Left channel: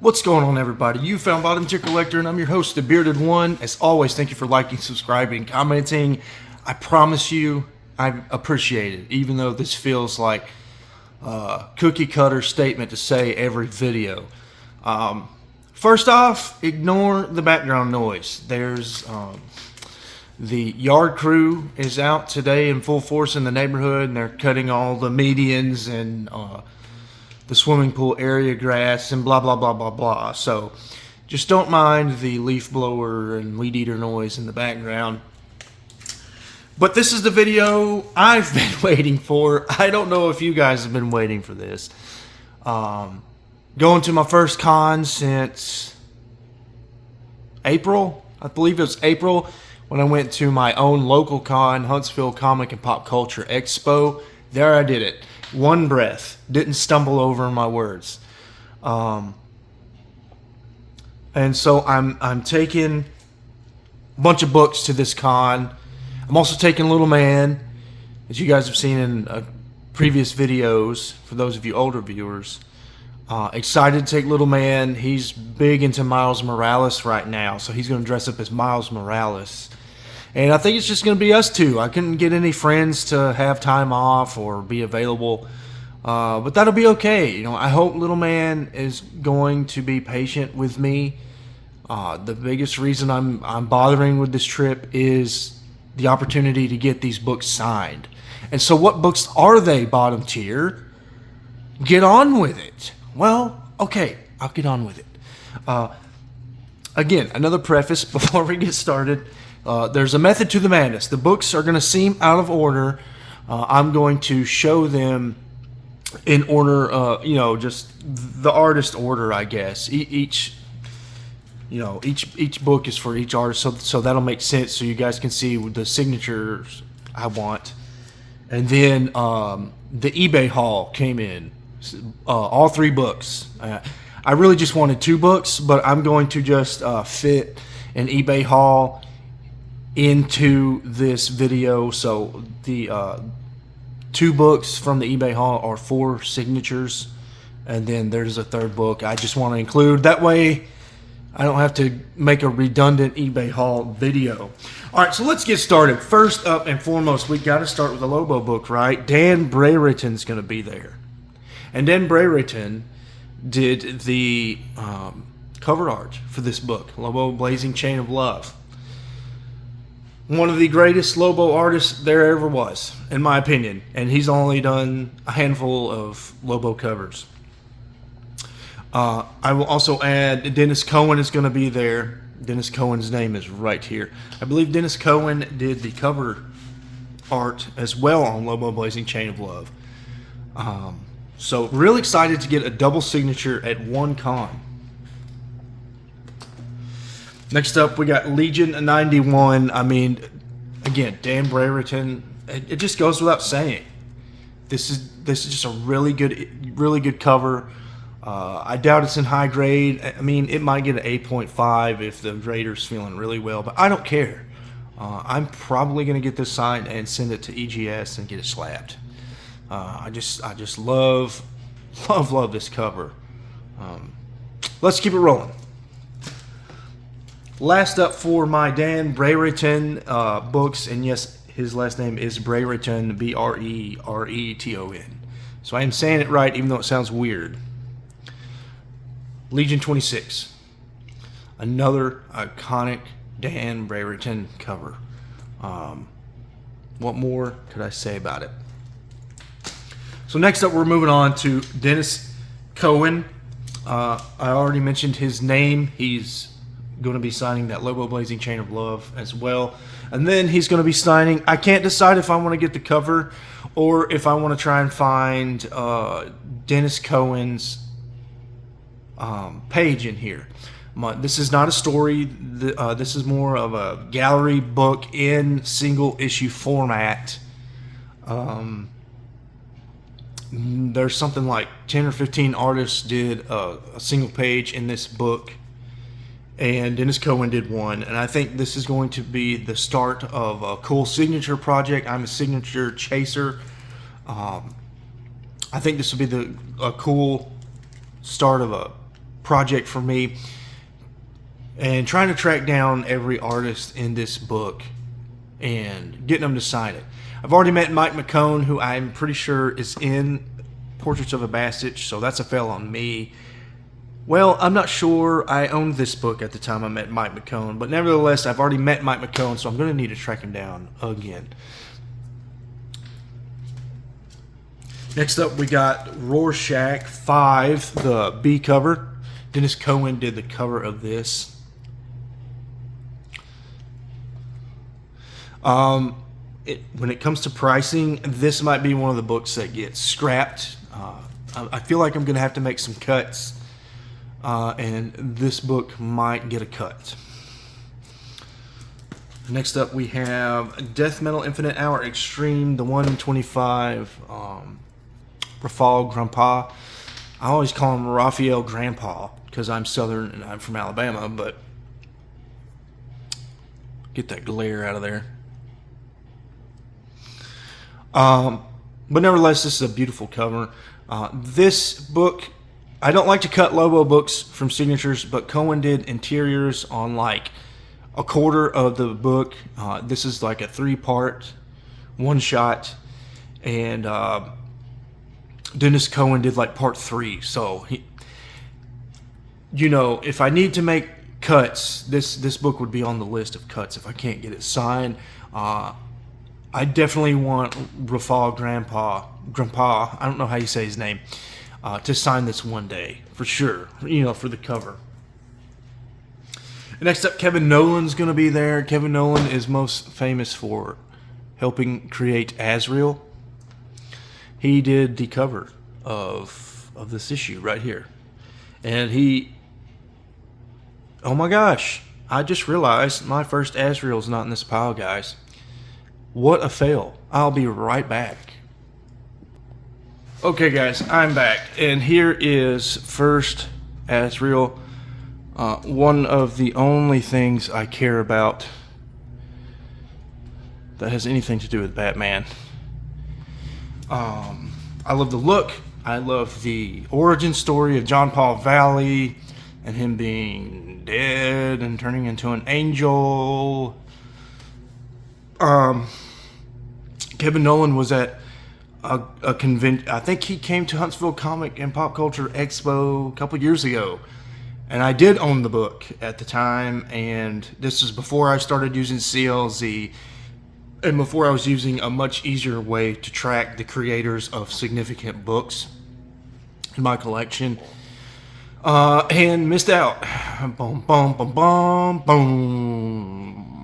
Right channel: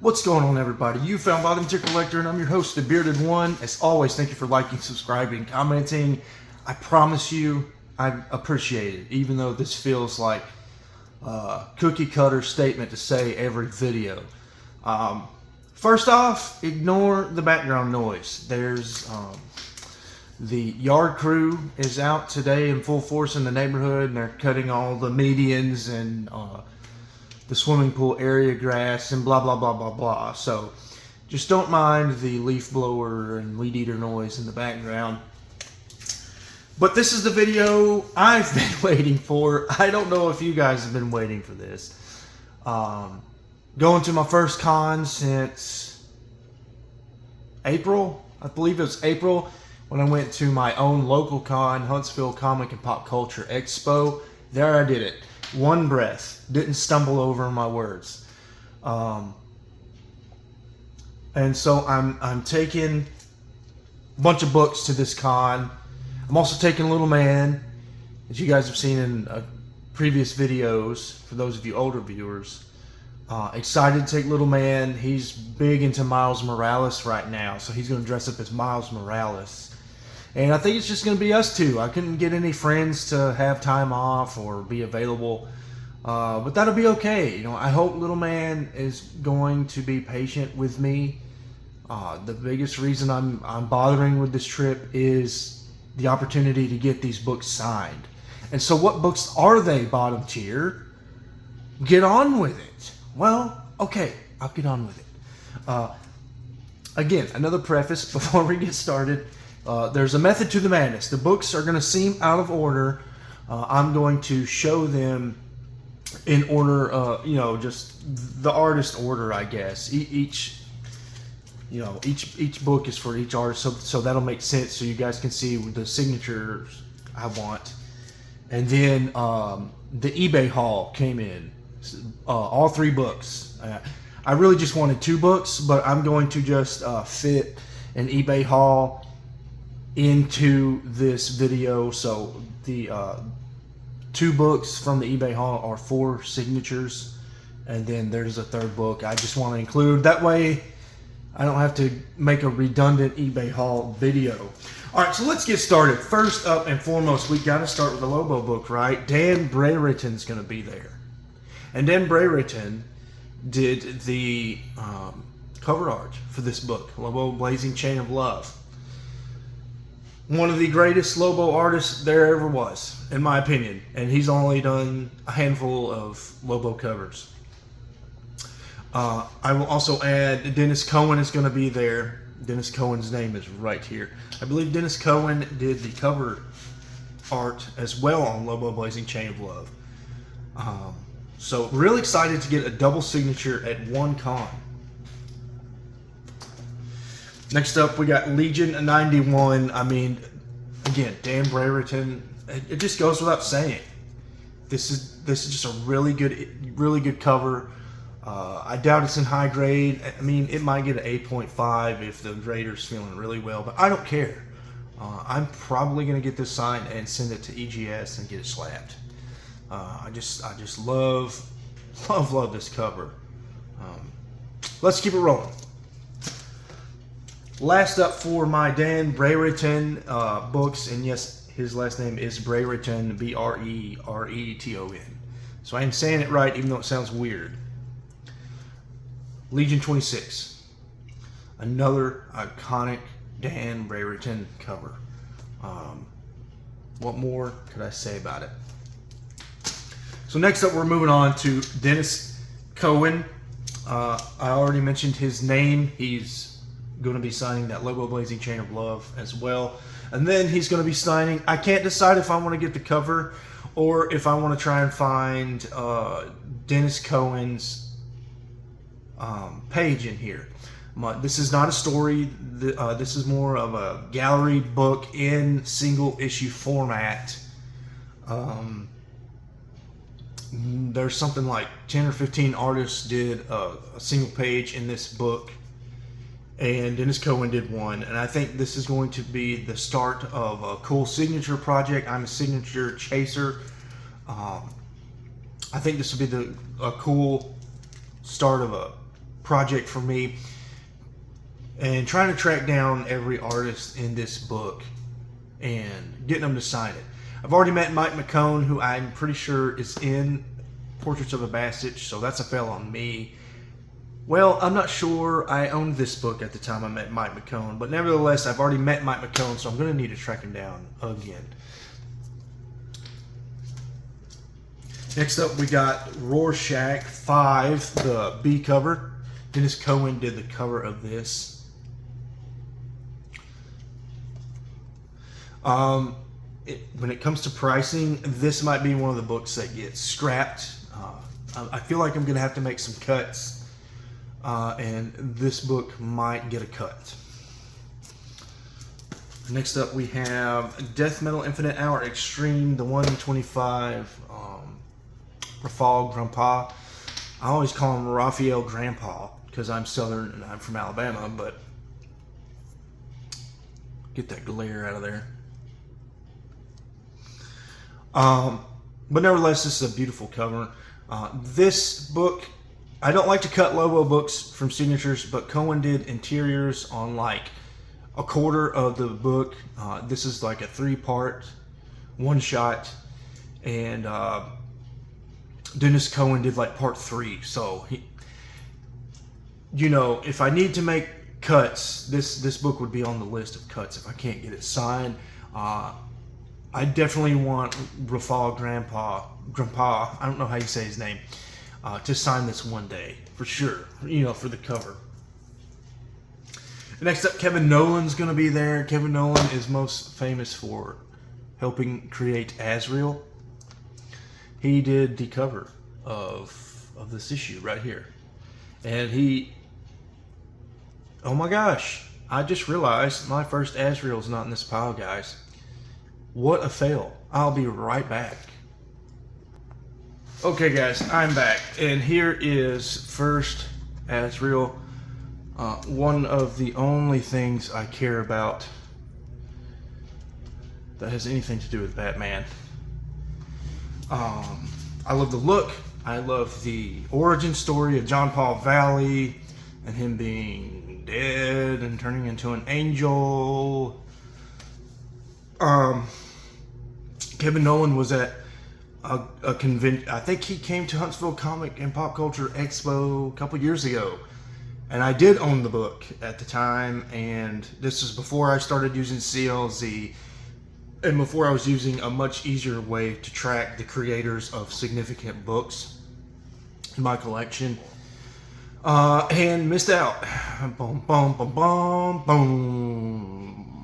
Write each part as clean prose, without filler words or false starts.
What's going on, everybody? You found Volunteer Collector, and I'm your host, the Bearded One. As always, thank you for liking, subscribing, commenting. I promise you, I appreciate it, even though this feels like a cookie cutter statement to say every video. First off, ignore the background noise. There's the yard crew is out today in full force in the neighborhood, and they're cutting all the medians and the swimming pool area grass and blah blah blah blah blah. So just don't mind the leaf blower and weed eater noise in the background. But this is the video I've been waiting for. I don't know if you guys have been waiting for this. Going to my first con since April. I believe it was April when I went to my own local con, Huntsville Comic and Pop Culture Expo. There I did it. One breath. Didn't stumble over my words. And so I'm taking a bunch of books to this con. I'm also taking Little Man, as you guys have seen in previous videos, for those of you older viewers. Excited to take Little Man. He's big into Miles Morales right now, so he's going to dress up as Miles Morales. And I think it's just going to be us two. I couldn't get any friends to have time off or be available. But that'll be okay. You know, I hope Little Man is going to be patient with me. The biggest reason I'm bothering with this trip is the opportunity to get these books signed. And so what books are they, bottom tier? Get on with it. Well, okay, I'll get on with it. Again, another preface before we get started. There's a method to the madness. The books are going to seem out of order. I'm going to show them in order, just the artist order, I guess. Each book is for each artist, so that'll make sense. So you guys can see the signatures I want. And then the eBay haul came in, all three books. I really just wanted two books, but I'm going to just fit an eBay haul into this video. So the two books from the eBay haul are 4 signatures, and then there's a third book I just want to include. That way I don't have to make a redundant eBay haul video. All right, so let's get started. First up and foremost, we got to start with the Lobo book, right? Dan Brereton's going to be there. And Dan Brereton did the cover art for this book, Lobo Blazing Chain of Love. One of the greatest Lobo artists there ever was, in my opinion. And he's only done a handful of Lobo covers. I will also add Dennis Cohen is going to be there. Dennis Cohen's name is right here. I believe Dennis Cohen did the cover art as well on Lobo Blazing Chain of Love. So real excited to get a double signature at one con. Next up, we got Legion 91. I mean, again, Dan Brereton. It just goes without saying. This is just a really good cover. I doubt it's in high grade. I mean, it might get an 8.5 if the grader's feeling really well, but I don't care. I'm probably gonna get this signed and send it to EGS and get it slapped. I just love this cover. Let's keep it rolling. Last up for my Dan Brereton books, and yes, his last name is Brereton, Brereton. So I am saying it right, even though it sounds weird. Legion 26, another iconic Dan Brereton cover. What more could I say about it? So next up, we're moving on to Dennis Cohen. I already mentioned his name. He's going to be signing that Lobo Blazing Chain of Love as well. And then he's going to be signing, I can't decide if I want to get the cover or if I want to try and find Dennis Cohen's page in here. This is not a story. This is more of a gallery book in single issue format. There's something like 10 or 15 artists did a single page in this book, and Dennis Cohen did one, and I think this is going to be the start of a cool signature project. I'm a signature chaser. I think this will be a cool start of a project for me, and trying to track down every artist in this book and getting them to sign it. I've already met Mike McCone, who I'm pretty sure is in Portraits of a Bastich, so that's a fail on me. Well, I'm not sure I owned this book at the time I met Mike McCone, but nevertheless, I've already met Mike McCone, so I'm going to need to track him down again. Next up, we got Rorschach 5, the B cover. Dennis Cohen did the cover of this. When it comes to pricing, this might be one of the books that gets scrapped. I feel like I'm going to have to make some cuts, and this book might get a cut. Next up, we have Death Metal Infinite Hour Extreme, the 125 Rafal Grandpa. I always call him Raphael Grandpa because I'm Southern and I'm from Alabama, but get that glare out of there. But nevertheless, this is a beautiful cover. This book, I don't like to cut Lobo books from signatures, but Cohen did interiors on like a quarter of the book. This is like a 3-part, one shot, and Dennis Cohen did like part 3. So he, if I need to make cuts, this book would be on the list of cuts if I can't get it signed. I definitely want Rafal Grandpa, I don't know how you say his name, to sign this one day, for sure, for the cover. Next up, Kevin Nolan's going to be there. Kevin Nolan is most famous for helping create Azrael. He did the cover of this issue right here. And oh my gosh, I just realized my first Azrael's not in this pile, guys. What a fail. I'll be right back. Okay guys, I'm back, and here is first Azrael. One of the only things I care about that has anything to do with Batman. I love the look. I love the origin story of John Paul Valley and him being dead and turning into an angel. Kevin Nolan was at a convention. I think he came to Huntsville Comic and Pop Culture Expo a couple years ago, and I did own the book at the time. And this is before I started using CLZ, and before I was using a much easier way to track the creators of significant books in my collection. And missed out. Boom, boom, boom, boom, boom.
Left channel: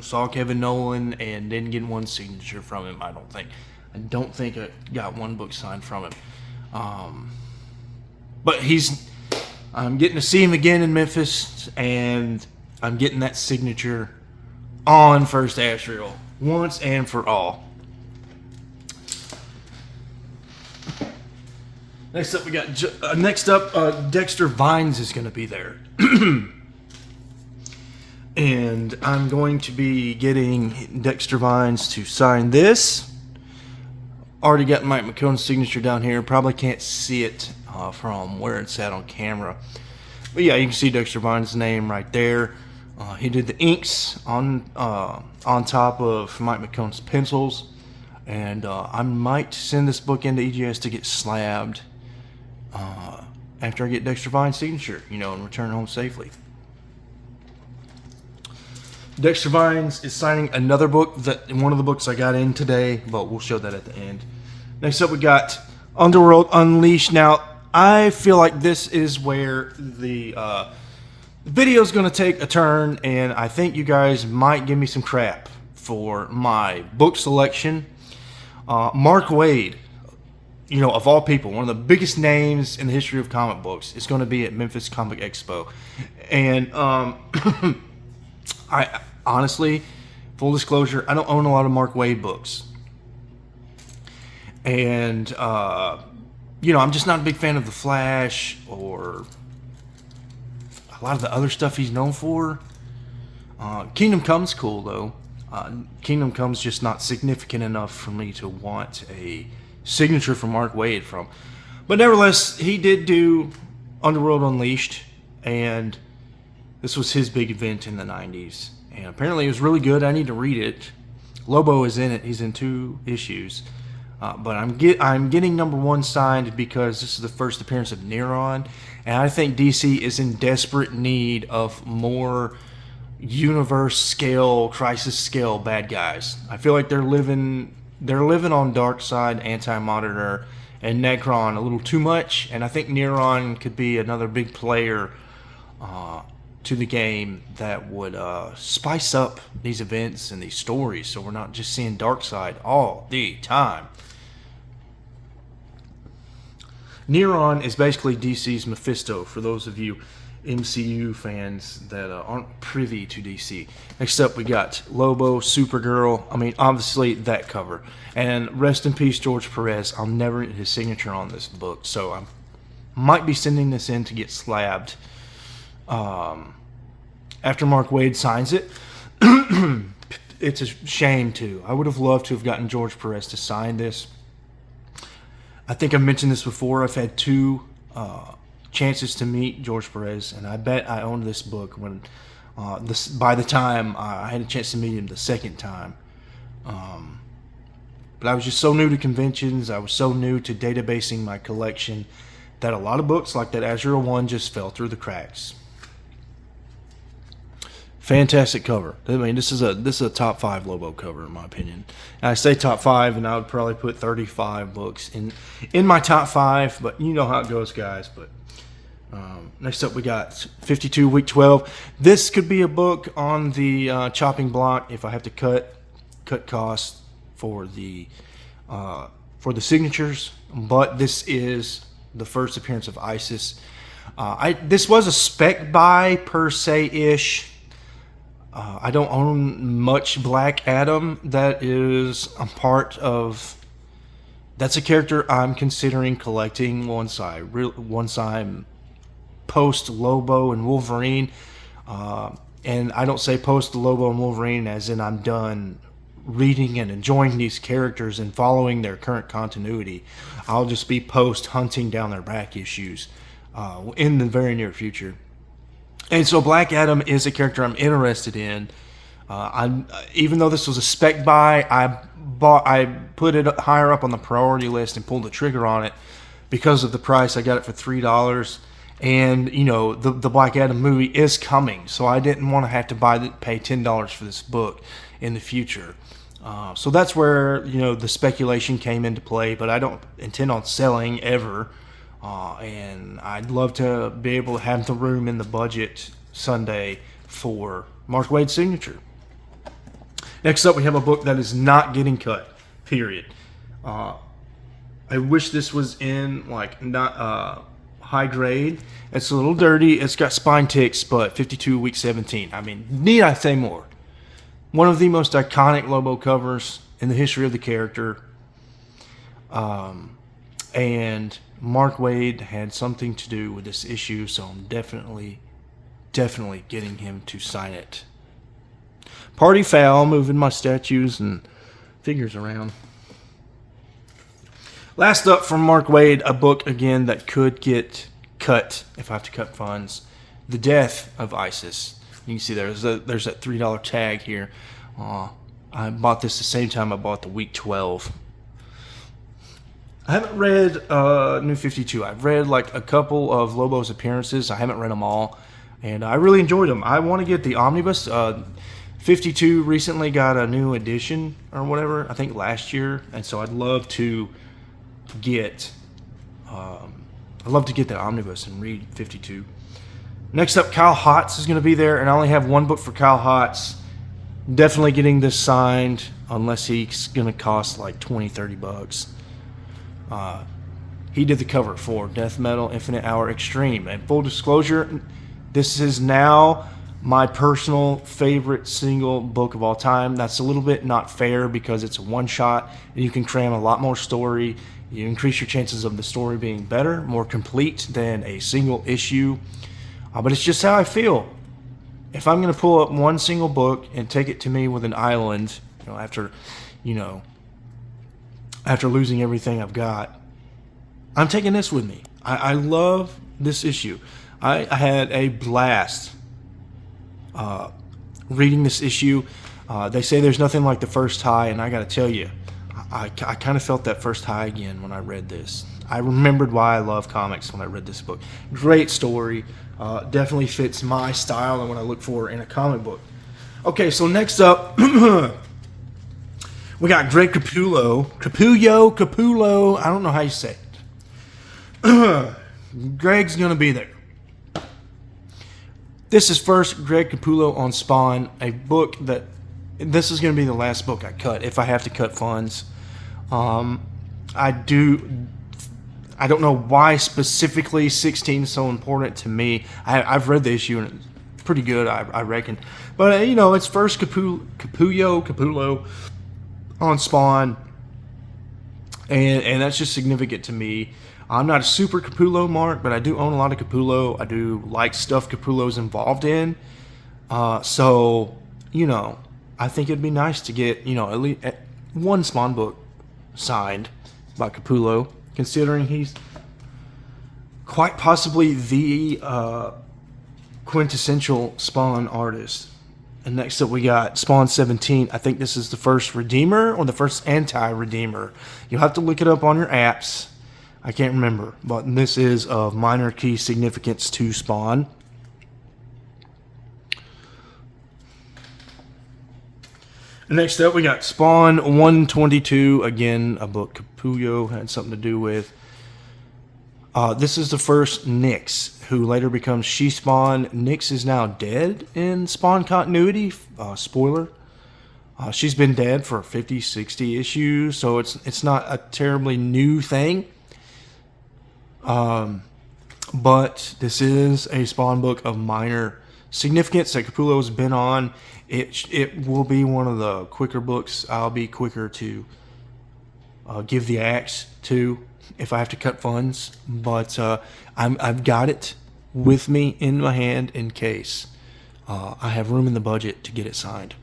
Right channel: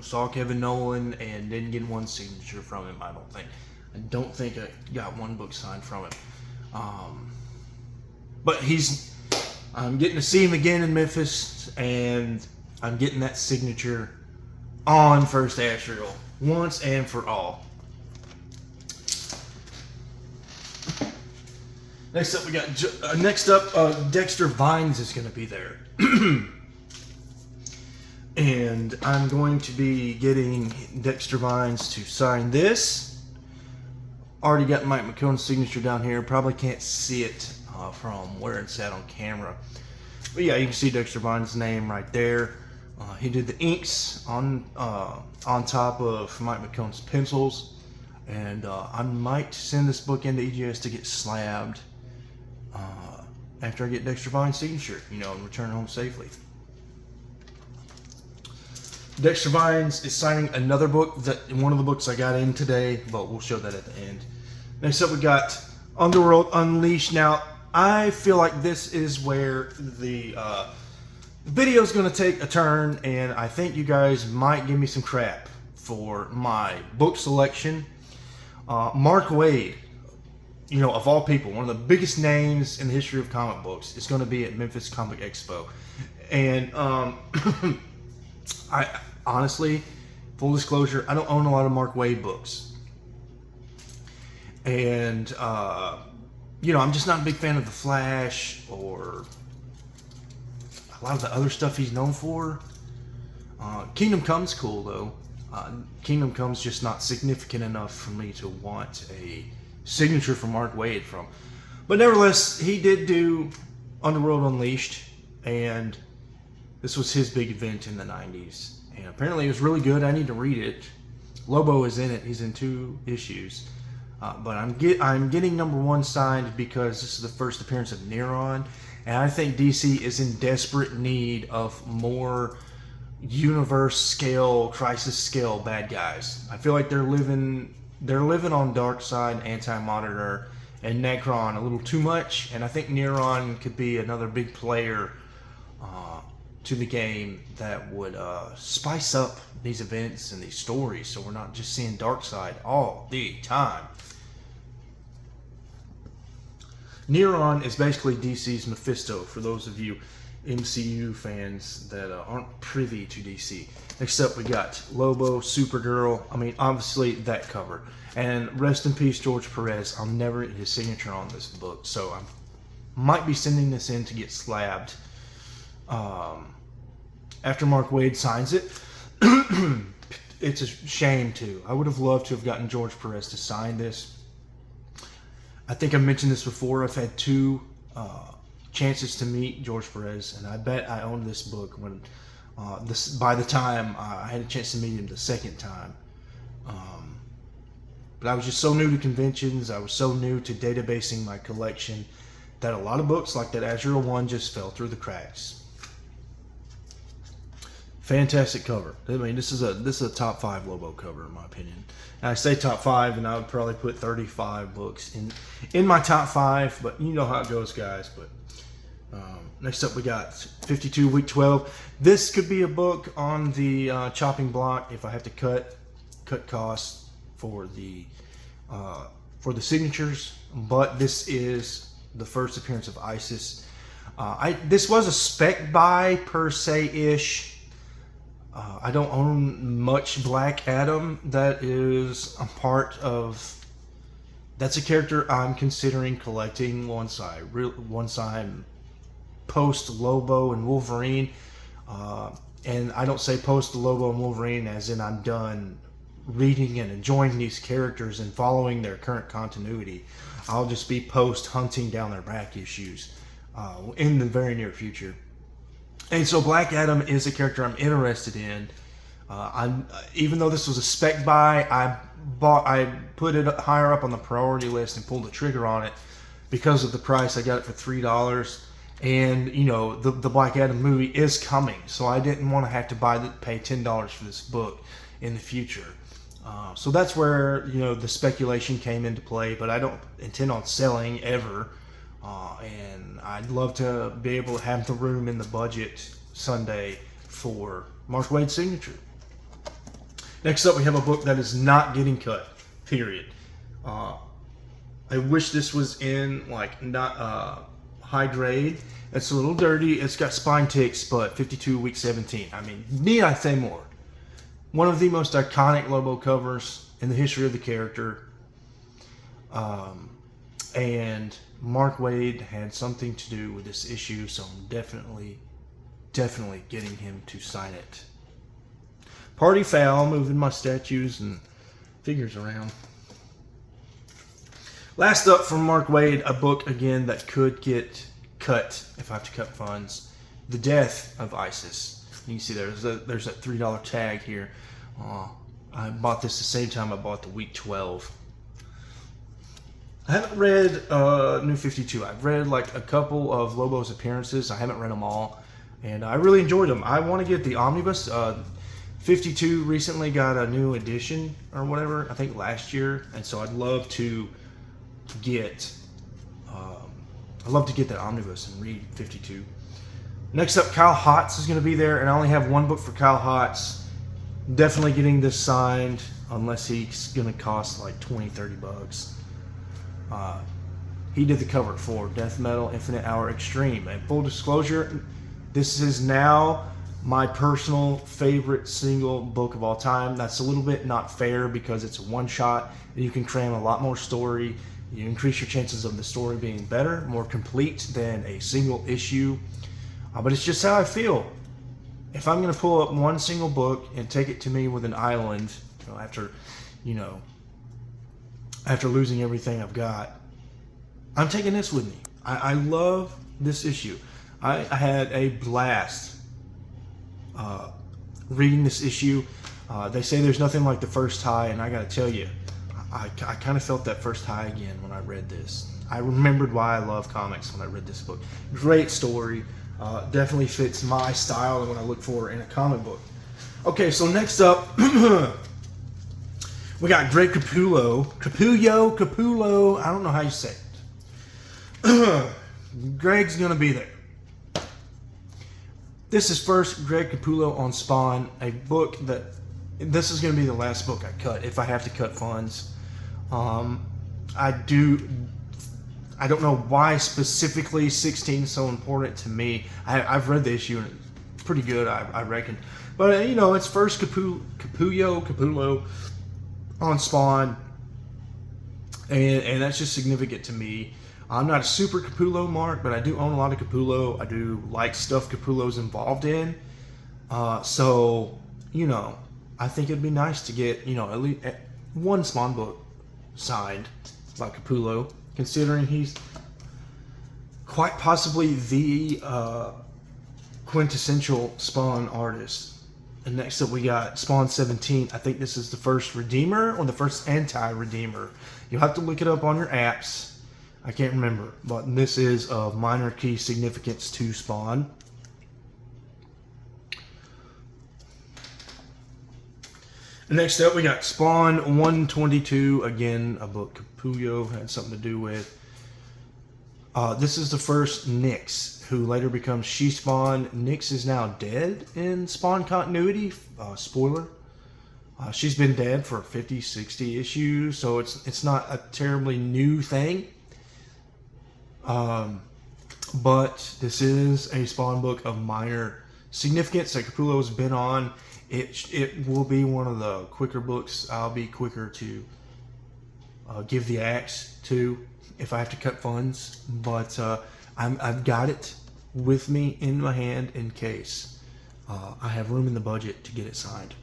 Saw Kevin Nolan and didn't get one signature from him, I don't think. I don't think I got one book signed from him. But I'm getting to see him again in Memphis, and I'm getting that signature on first Azrael once and for all. Next up, Dexter Vines is going to be there. And I'm going to be getting Dexter Vines to sign this. Already got Mike McCone's signature down here. Probably can't see it from where it's at on camera. But yeah, you can see Dexter Vines' name right there. He did the inks on top of Mike McCone's pencils. And I might send this book into EGS to get slabbed after I get Dexter Vines' signature, and return home safely. Dexter Vines is signing another book, one of the books I got in today, but we'll show that at the end. Next up, we got Underworld Unleashed. Now, I feel like this is where the video is going to take a turn, and I think you guys might give me some crap for my book selection. Mark Waid, of all people, one of the biggest names in the history of comic books, is going to be at Memphis Comic Expo. And I honestly, full disclosure, I don't own a lot of Mark Waid books. And, I'm just not a big fan of The Flash or a lot of the other stuff he's known for. Kingdom Come's cool, though. Kingdom Come's just not significant enough for me to want a signature from Mark Waid from. But nevertheless, he did do Underworld Unleashed, and this was his big event in the 90s. And apparently it was really good. I need to read it. Lobo is in it. He's in 2 issues. But I'm getting #1 signed because this is the first appearance of Neron, and I think DC is in desperate need of more universe scale, crisis scale bad guys. I feel like they're living on Darkseid, Anti-Monitor, and Necron a little too much, and I think Neron could be another big player to the game that would spice up these events and these stories, so we're not just seeing Darkseid all the time. Neron is basically DC's Mephisto, for those of you MCU fans that aren't privy to DC. Next up, we got Lobo, Supergirl. I mean, obviously, that cover. And rest in peace, George Perez. I'll never get his signature on this book, so I might be sending this in to get slabbed after Mark Waid signs it. It's a shame, too. I would have loved to have gotten George Perez to sign this. I think I mentioned this before. I've had 2 chances to meet George Perez, and I bet I owned this book when by the time I had a chance to meet him the second time. But I was just so new to conventions. I was so new to databasing my collection that a lot of books like that Azure One just fell through the cracks. Fantastic cover. I mean, this is a top 5 Lobo cover in my opinion. And I say top 5, and I would probably put 35 books in my top 5. But you know how it goes, guys. But next up, we got 52 Week 12. This could be a book on the chopping block if I have to cut costs for the signatures. But this is the first appearance of Isis. This was a spec buy per se ish. I don't own much Black Adam. That is a part of. That's a character I'm considering collecting once I'm post Lobo and Wolverine. And I don't say post Lobo and Wolverine as in I'm done reading and enjoying these characters and following their current continuity. I'll just be post hunting down their back issues in the very near future. And so Black Adam is a character I'm interested in. Even though this was a spec buy, I put it higher up on the priority list and pulled the trigger on it because of the price. I got it for $3, and you know the Black Adam movie is coming, so I didn't want to have to pay $10 for this book in the future. So that's where the speculation came into play. But I don't intend on selling ever. And I'd love to be able to have the room in the budget Sunday for Mark Waid's signature. Next up, we have a book that is not getting cut, period. I wish this was in not high grade. It's a little dirty. It's got spine ticks, but 52 Week 17. I mean, need I say more? One of the most iconic Lobo covers in the history of the character. And Mark Waid had something to do with this issue, so I'm definitely getting him to sign it. Party foul, moving my statues and figures around. Last up from Mark Waid, a book again that could get cut if I have to cut funds. The Death of Isis. You can see there's that $3 tag here. I bought this the same time I bought the Week 12. I haven't read New 52. I've read like a couple of Lobo's appearances. I haven't read them all, and I really enjoyed them. I want to get the omnibus. 52 recently got a new edition or whatever, I think last year, and so I'd love to get the omnibus and read 52. Next up, Kyle Hotz is going to be there, and I only have one book for Kyle Hotz. Definitely getting this signed unless he's going to cost like $20-$30. He did the cover for Death Metal Infinite Hour Extreme. And full disclosure, this is now my personal favorite single book of all time. That's a little bit not fair because it's a one-shot and you can cram a lot more story. You increase your chances of the story being better, more complete than a single issue. But it's just how I feel. If I'm going to pull up one single book and take it to me with an island, after losing everything I've got, I'm taking this with me. I love this issue. I had a blast reading this issue. They say there's nothing like the first high, and I got to tell you, I kind of felt that first high again when I read this. I remembered why I love comics when I read this book. Great story. Definitely fits my style and what I look for in a comic book. Okay, so next up, we got Greg Capullo. I don't know how you say it. Greg's going to be there. This is first Greg Capullo on Spawn, a book that this is going to be the last book I cut if I have to cut funds. I don't know why specifically 16 is so important to me. I've read the issue and it's pretty good, I reckon. But it's first Capullo on Spawn, and that's just significant to me. I'm not a super Capullo mark, but I do own a lot of Capullo. I do like stuff Capullo's involved in. So, I think it'd be nice to get, at least one Spawn book signed by Capullo, considering he's quite possibly the quintessential Spawn artist. And next up we got Spawn 17. I think this is the first Redeemer or the first anti-Redeemer. You'll have to look it up on your apps. I can't remember, but this is of minor key significance to Spawn. Next up, we got Spawn 122. Again, a book Capullo had something to do with. This is the first Nyx, who later becomes She-Spawn. Nyx is now dead in Spawn continuity. Spoiler. She's been dead for 50, 60 issues, so it's not a terribly new thing. But this is a Spawn book of minor significance that Capullo's been on. It will be one of the quicker books. I'll be quicker to give the axe to if I have to cut funds. But I've got it with me in my hand in case I have room in the budget to get it signed.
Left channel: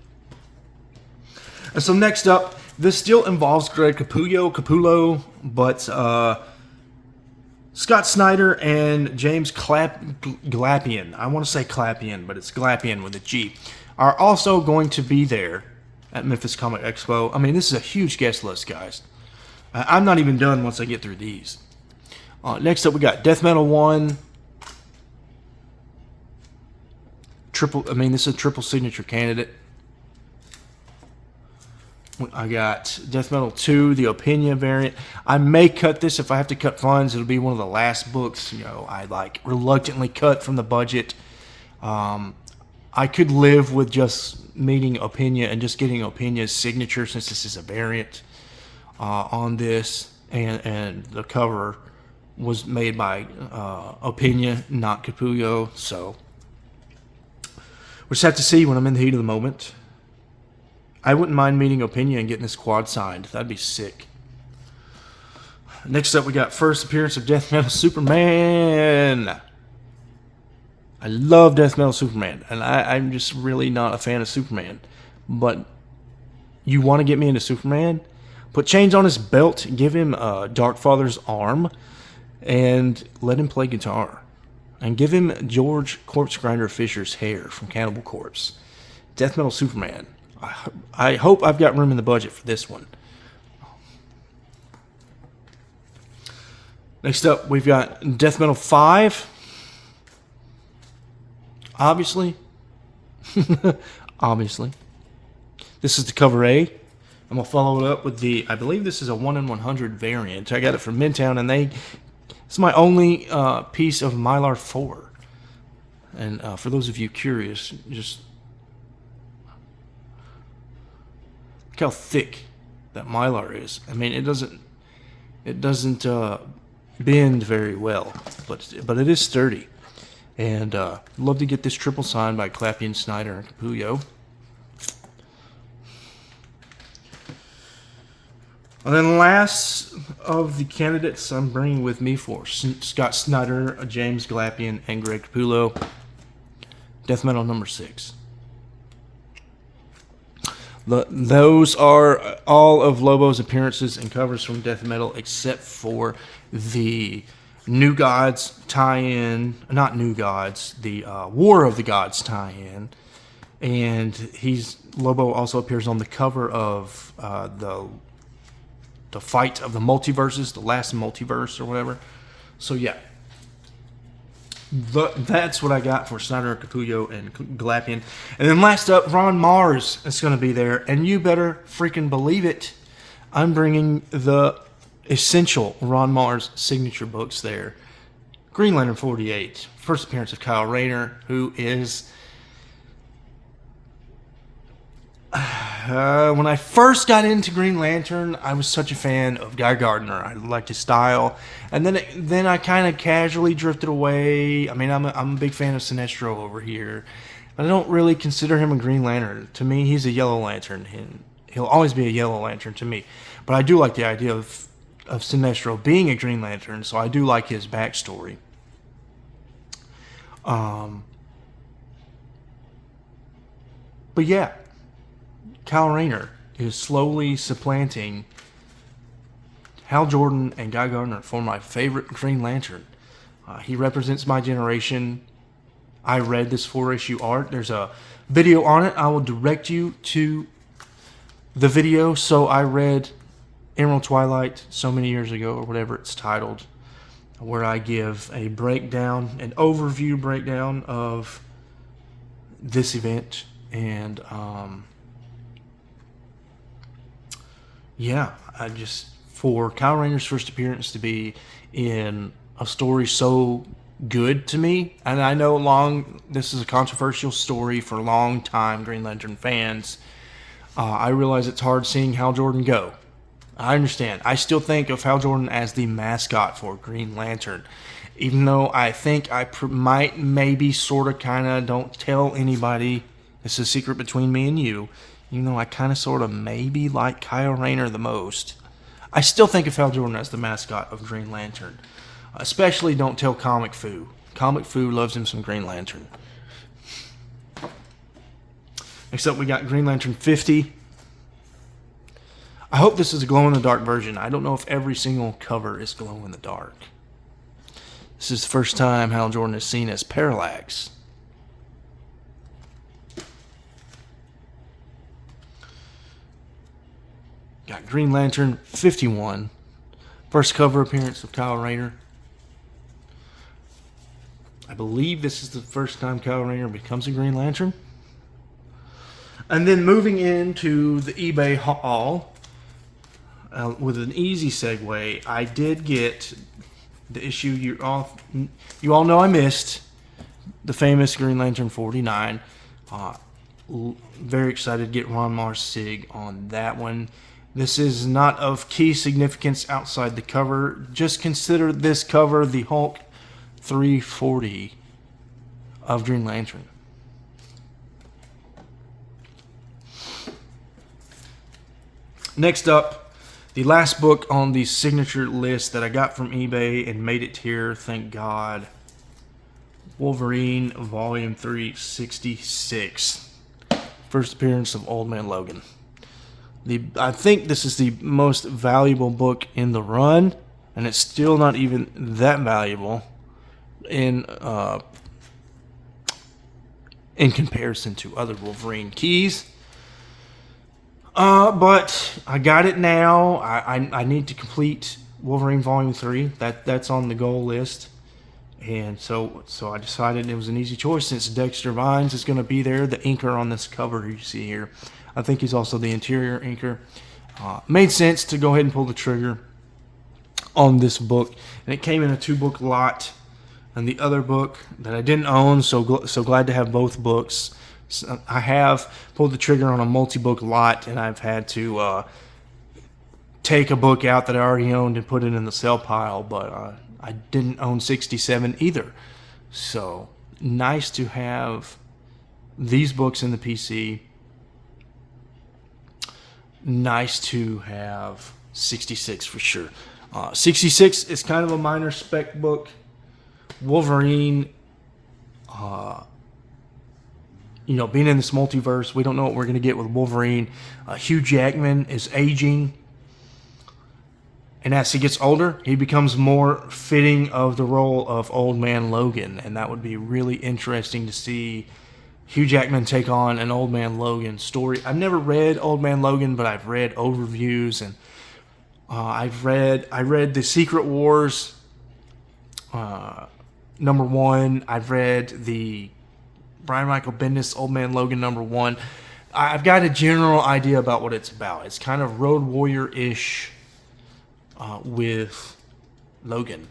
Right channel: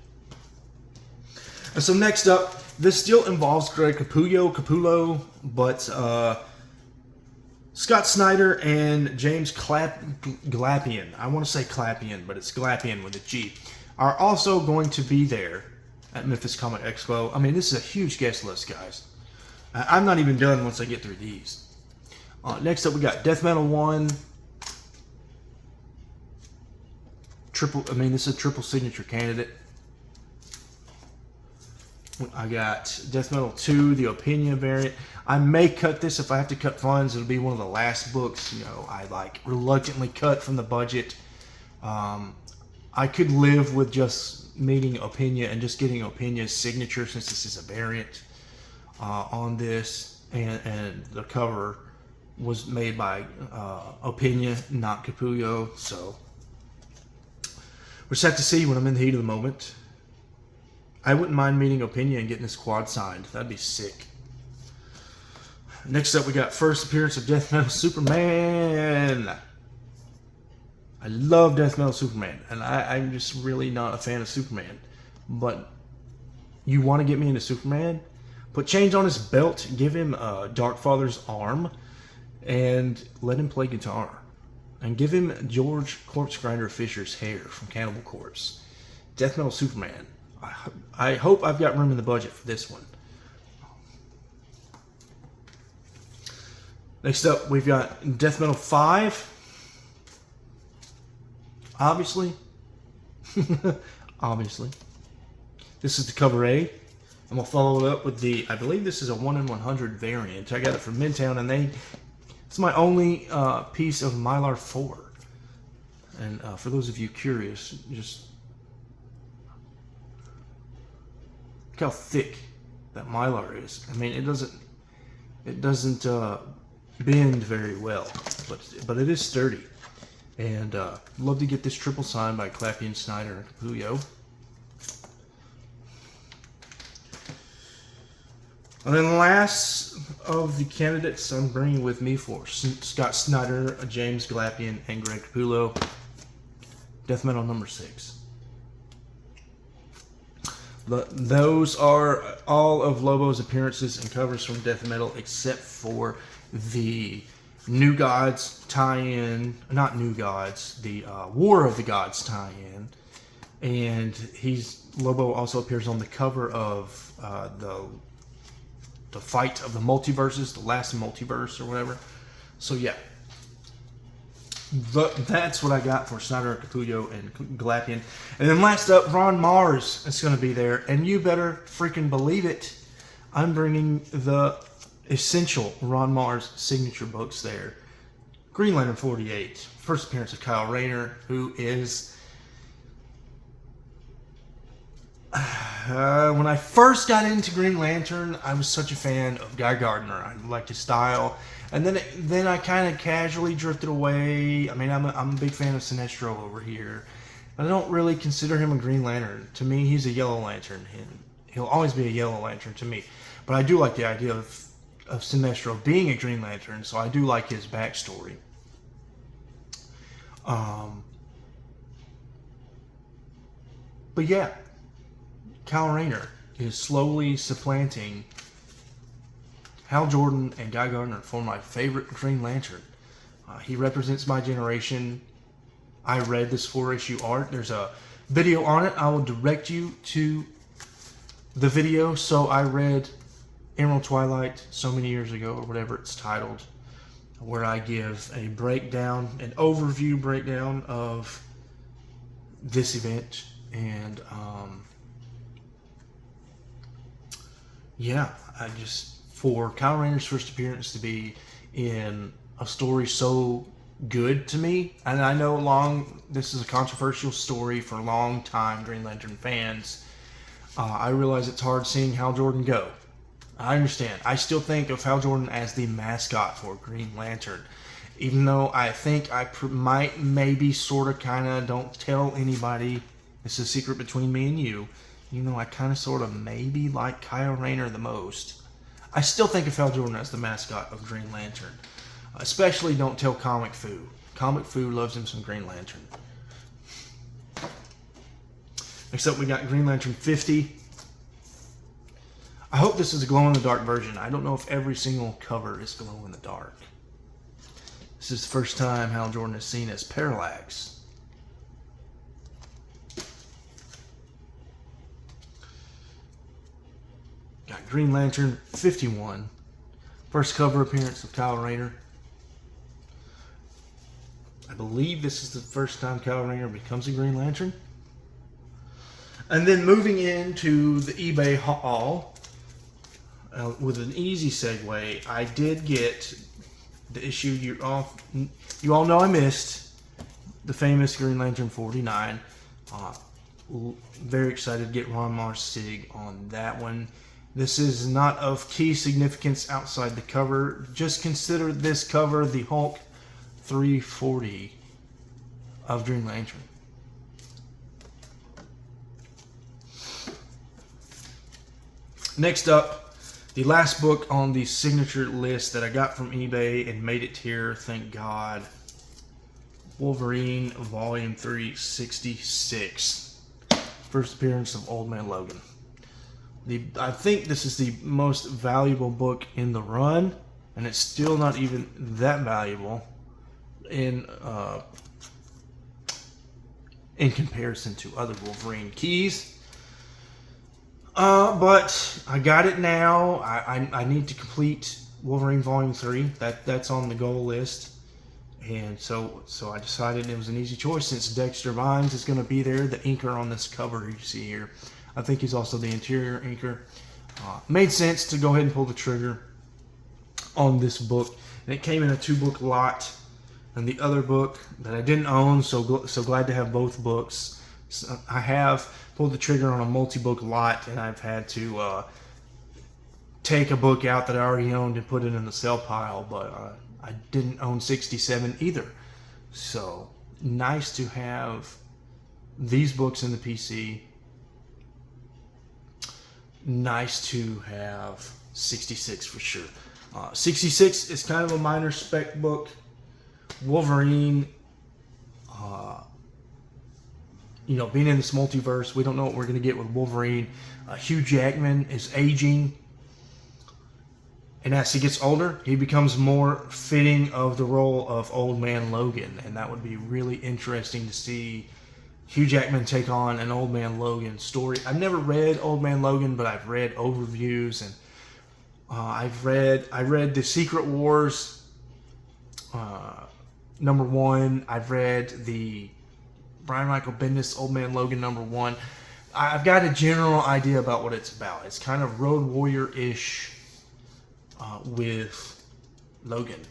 And so next up, this still involves Greg Capullo, but Scott Snyder and James Glapian, I want to say Clapian, but it's Glapian with a G, are also going to be there at Memphis Comic Expo. I mean, this is a huge guest list, guys. I'm not even done once I get through these. Next up, we got Death Metal 1. This is a triple signature candidate. I got Death Metal 2, the Opinia variant. I may cut this if I have to cut funds. It'll be one of the last books, I reluctantly cut from the budget. I could live with just meeting Opinia and just getting Opinia's signature since this is a variant on this. And the cover was made by Opinia, not Capullo. So we'll just have to see when I'm in the heat of the moment. I wouldn't mind meeting Opinia and getting this quad signed. That'd be sick. Next up, we got first appearance of Death Metal Superman. I love Death Metal Superman, and I'm just really not a fan of Superman. But you want to get me into Superman? Put chains on his belt, give him Darkfather's arm, and let him play guitar. And give him George Corpse Grinder Fisher's hair from Cannibal Corpse. Death Metal Superman. I hope I've got room in the budget for this one. Next up, we've got Death Metal 5. Obviously. Obviously. This is the cover A. I'm going to follow it up with I believe this is a 1 in 100 variant. I got it from Midtown, and it's my only piece of Mylar 4. And for those of you curious, just look how thick that Mylar is. I mean, it doesn't bend very well, but it is sturdy. And love to get this triple signed by Clapian, Snyder, and Capullo. And then last of the candidates I'm bringing with me for Scott Snyder, James Glapian, and Greg Capullo. Death Metal number 6. Those are all of Lobo's appearances and covers from Death Metal except for the New Gods tie-in, not New Gods, the War of the Gods tie-in, and Lobo also appears on the cover of the Fight of the Multiverses, the last multiverse or whatever. So yeah, that's what I got for Snyder, Capullo, and Galapian. And then last up, Ron Mars is going to be there, and you better freaking believe it. I'm bringing the essential Ron Mars signature books there. Green Lantern 48, first appearance of Kyle Rayner, who is... when I first got into Green Lantern, I was such a fan of Guy Gardner. I liked his style, and then I kind of casually drifted away. I mean, I'm a big fan of Sinestro over here, but I don't really consider him a Green Lantern. To me, he's a Yellow Lantern, and he'll always be a Yellow Lantern to me. But I do like the idea of Sinestro being a Green Lantern, so I do like his backstory. But yeah, Kyle Rayner is slowly supplanting Hal Jordan and Guy Gardner for my favorite Green Lantern. He represents my generation. I read this 4-issue art. There's a video on it. I will direct you to the video. So I read Emerald Twilight so many years ago, or whatever it's titled, where I give a breakdown, an overview breakdown of this event. And yeah, for Kyle Rayner's first appearance to be in a story so good to me, and I know this is a controversial story for long-time Green Lantern fans. I realize it's hard seeing Hal Jordan go. I understand. I still think of Hal Jordan as the mascot for Green Lantern, even though I think I might, maybe, sort of, kind of, don't tell anybody. It's a secret between me and you. You know, I kind of, sort of, maybe like Kyle Rayner the most. I still think of Hal Jordan as the mascot of Green Lantern. Especially don't tell Comic Foo. Comic Foo loves him some Green Lantern. Next up, we got Green Lantern 50. I hope this is a glow-in-the-dark version. I don't know if every single cover is glow-in-the-dark. This is the first time Hal Jordan is seen as Parallax. Got Green Lantern 51. First cover appearance of Kyle Rayner. I believe this is the first time Kyle Rayner becomes a Green Lantern. And then moving into the eBay haul, with an easy segue, I did get the issue you all know I missed, the famous Green Lantern 49. Very excited to get Ron Mars Sig on that one. This is not of key significance outside the cover. Just consider this cover the Hulk 340 of Green Lantern. Next up, the last book on the signature list that I got from eBay and made it here, thank God. Wolverine Volume 366. First appearance of Old Man Logan. I think this is the most valuable book in the run, and it's still not even that valuable in comparison to other Wolverine keys. But I got it now. I need to complete Wolverine Volume 3. That's on the goal list. And so I decided it was an easy choice since Dexter Vines is going to be there, the inker on this cover you see here. I think he's also the interior inker. Made sense to go ahead and pull the trigger on this book. And it came in a 2-book lot. And the other book that I didn't own, so glad to have both books. So I have pulled the trigger on a multi-book lot, and I've had to take a book out that I already owned and put it in the sell pile, but I didn't own 67 either. So nice to have these books in the PC. Nice to have 66 for sure. 66 is kind of a minor spec book. Wolverine, being in this multiverse, we don't know what we're going to get with Wolverine. Hugh Jackman is aging, And as he gets older, he becomes more fitting of the role of Old Man Logan. And that would be really interesting to see Hugh Jackman take on an Old Man Logan story. I've never read Old Man Logan, but I've read overviews, and I read The Secret Wars #1. I've read the Brian Michael Bendis Old Man Logan #1. I've got a general idea about what it's about. It's kind of Road Warrior-ish with Logan,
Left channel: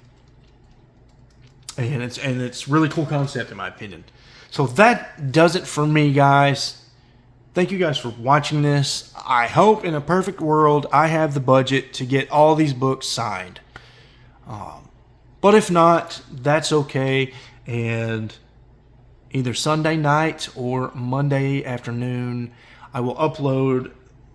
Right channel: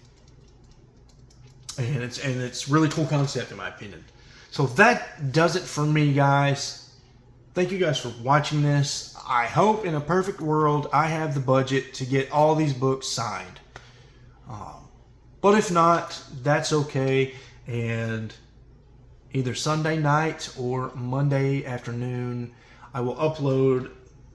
and it's really cool concept in my opinion. So that does it for me, guys. Thank you guys for watching this. I hope in a perfect world I have the budget to get all these books signed. But if not, that's okay. And either Sunday night or Monday afternoon, I will upload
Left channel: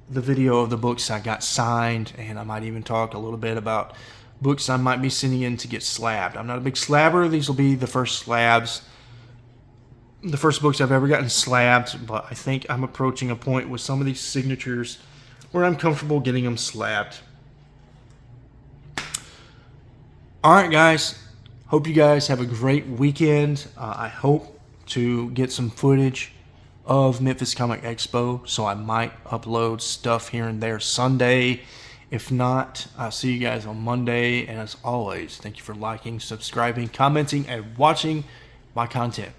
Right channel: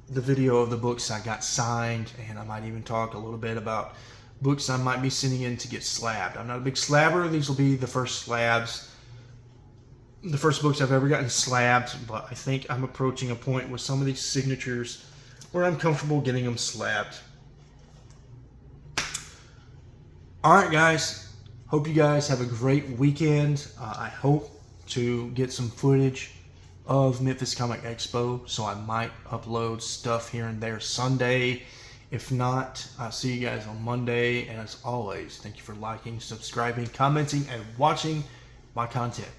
the video of the books I got signed, and I might even talk a little bit about books I might be sending in to get slabbed. I'm not a big slabber. These will be the first slabs. The first books I've ever gotten slabbed, but I think I'm approaching a point with some of these signatures where I'm comfortable getting them slabbed. Alright guys, hope you guys have a great weekend. I hope to get some footage of Memphis Comic Expo, so I might upload stuff here and there Sunday. If not, I'll see you guys on Monday, and as always, thank you for liking, subscribing, commenting, and watching my content.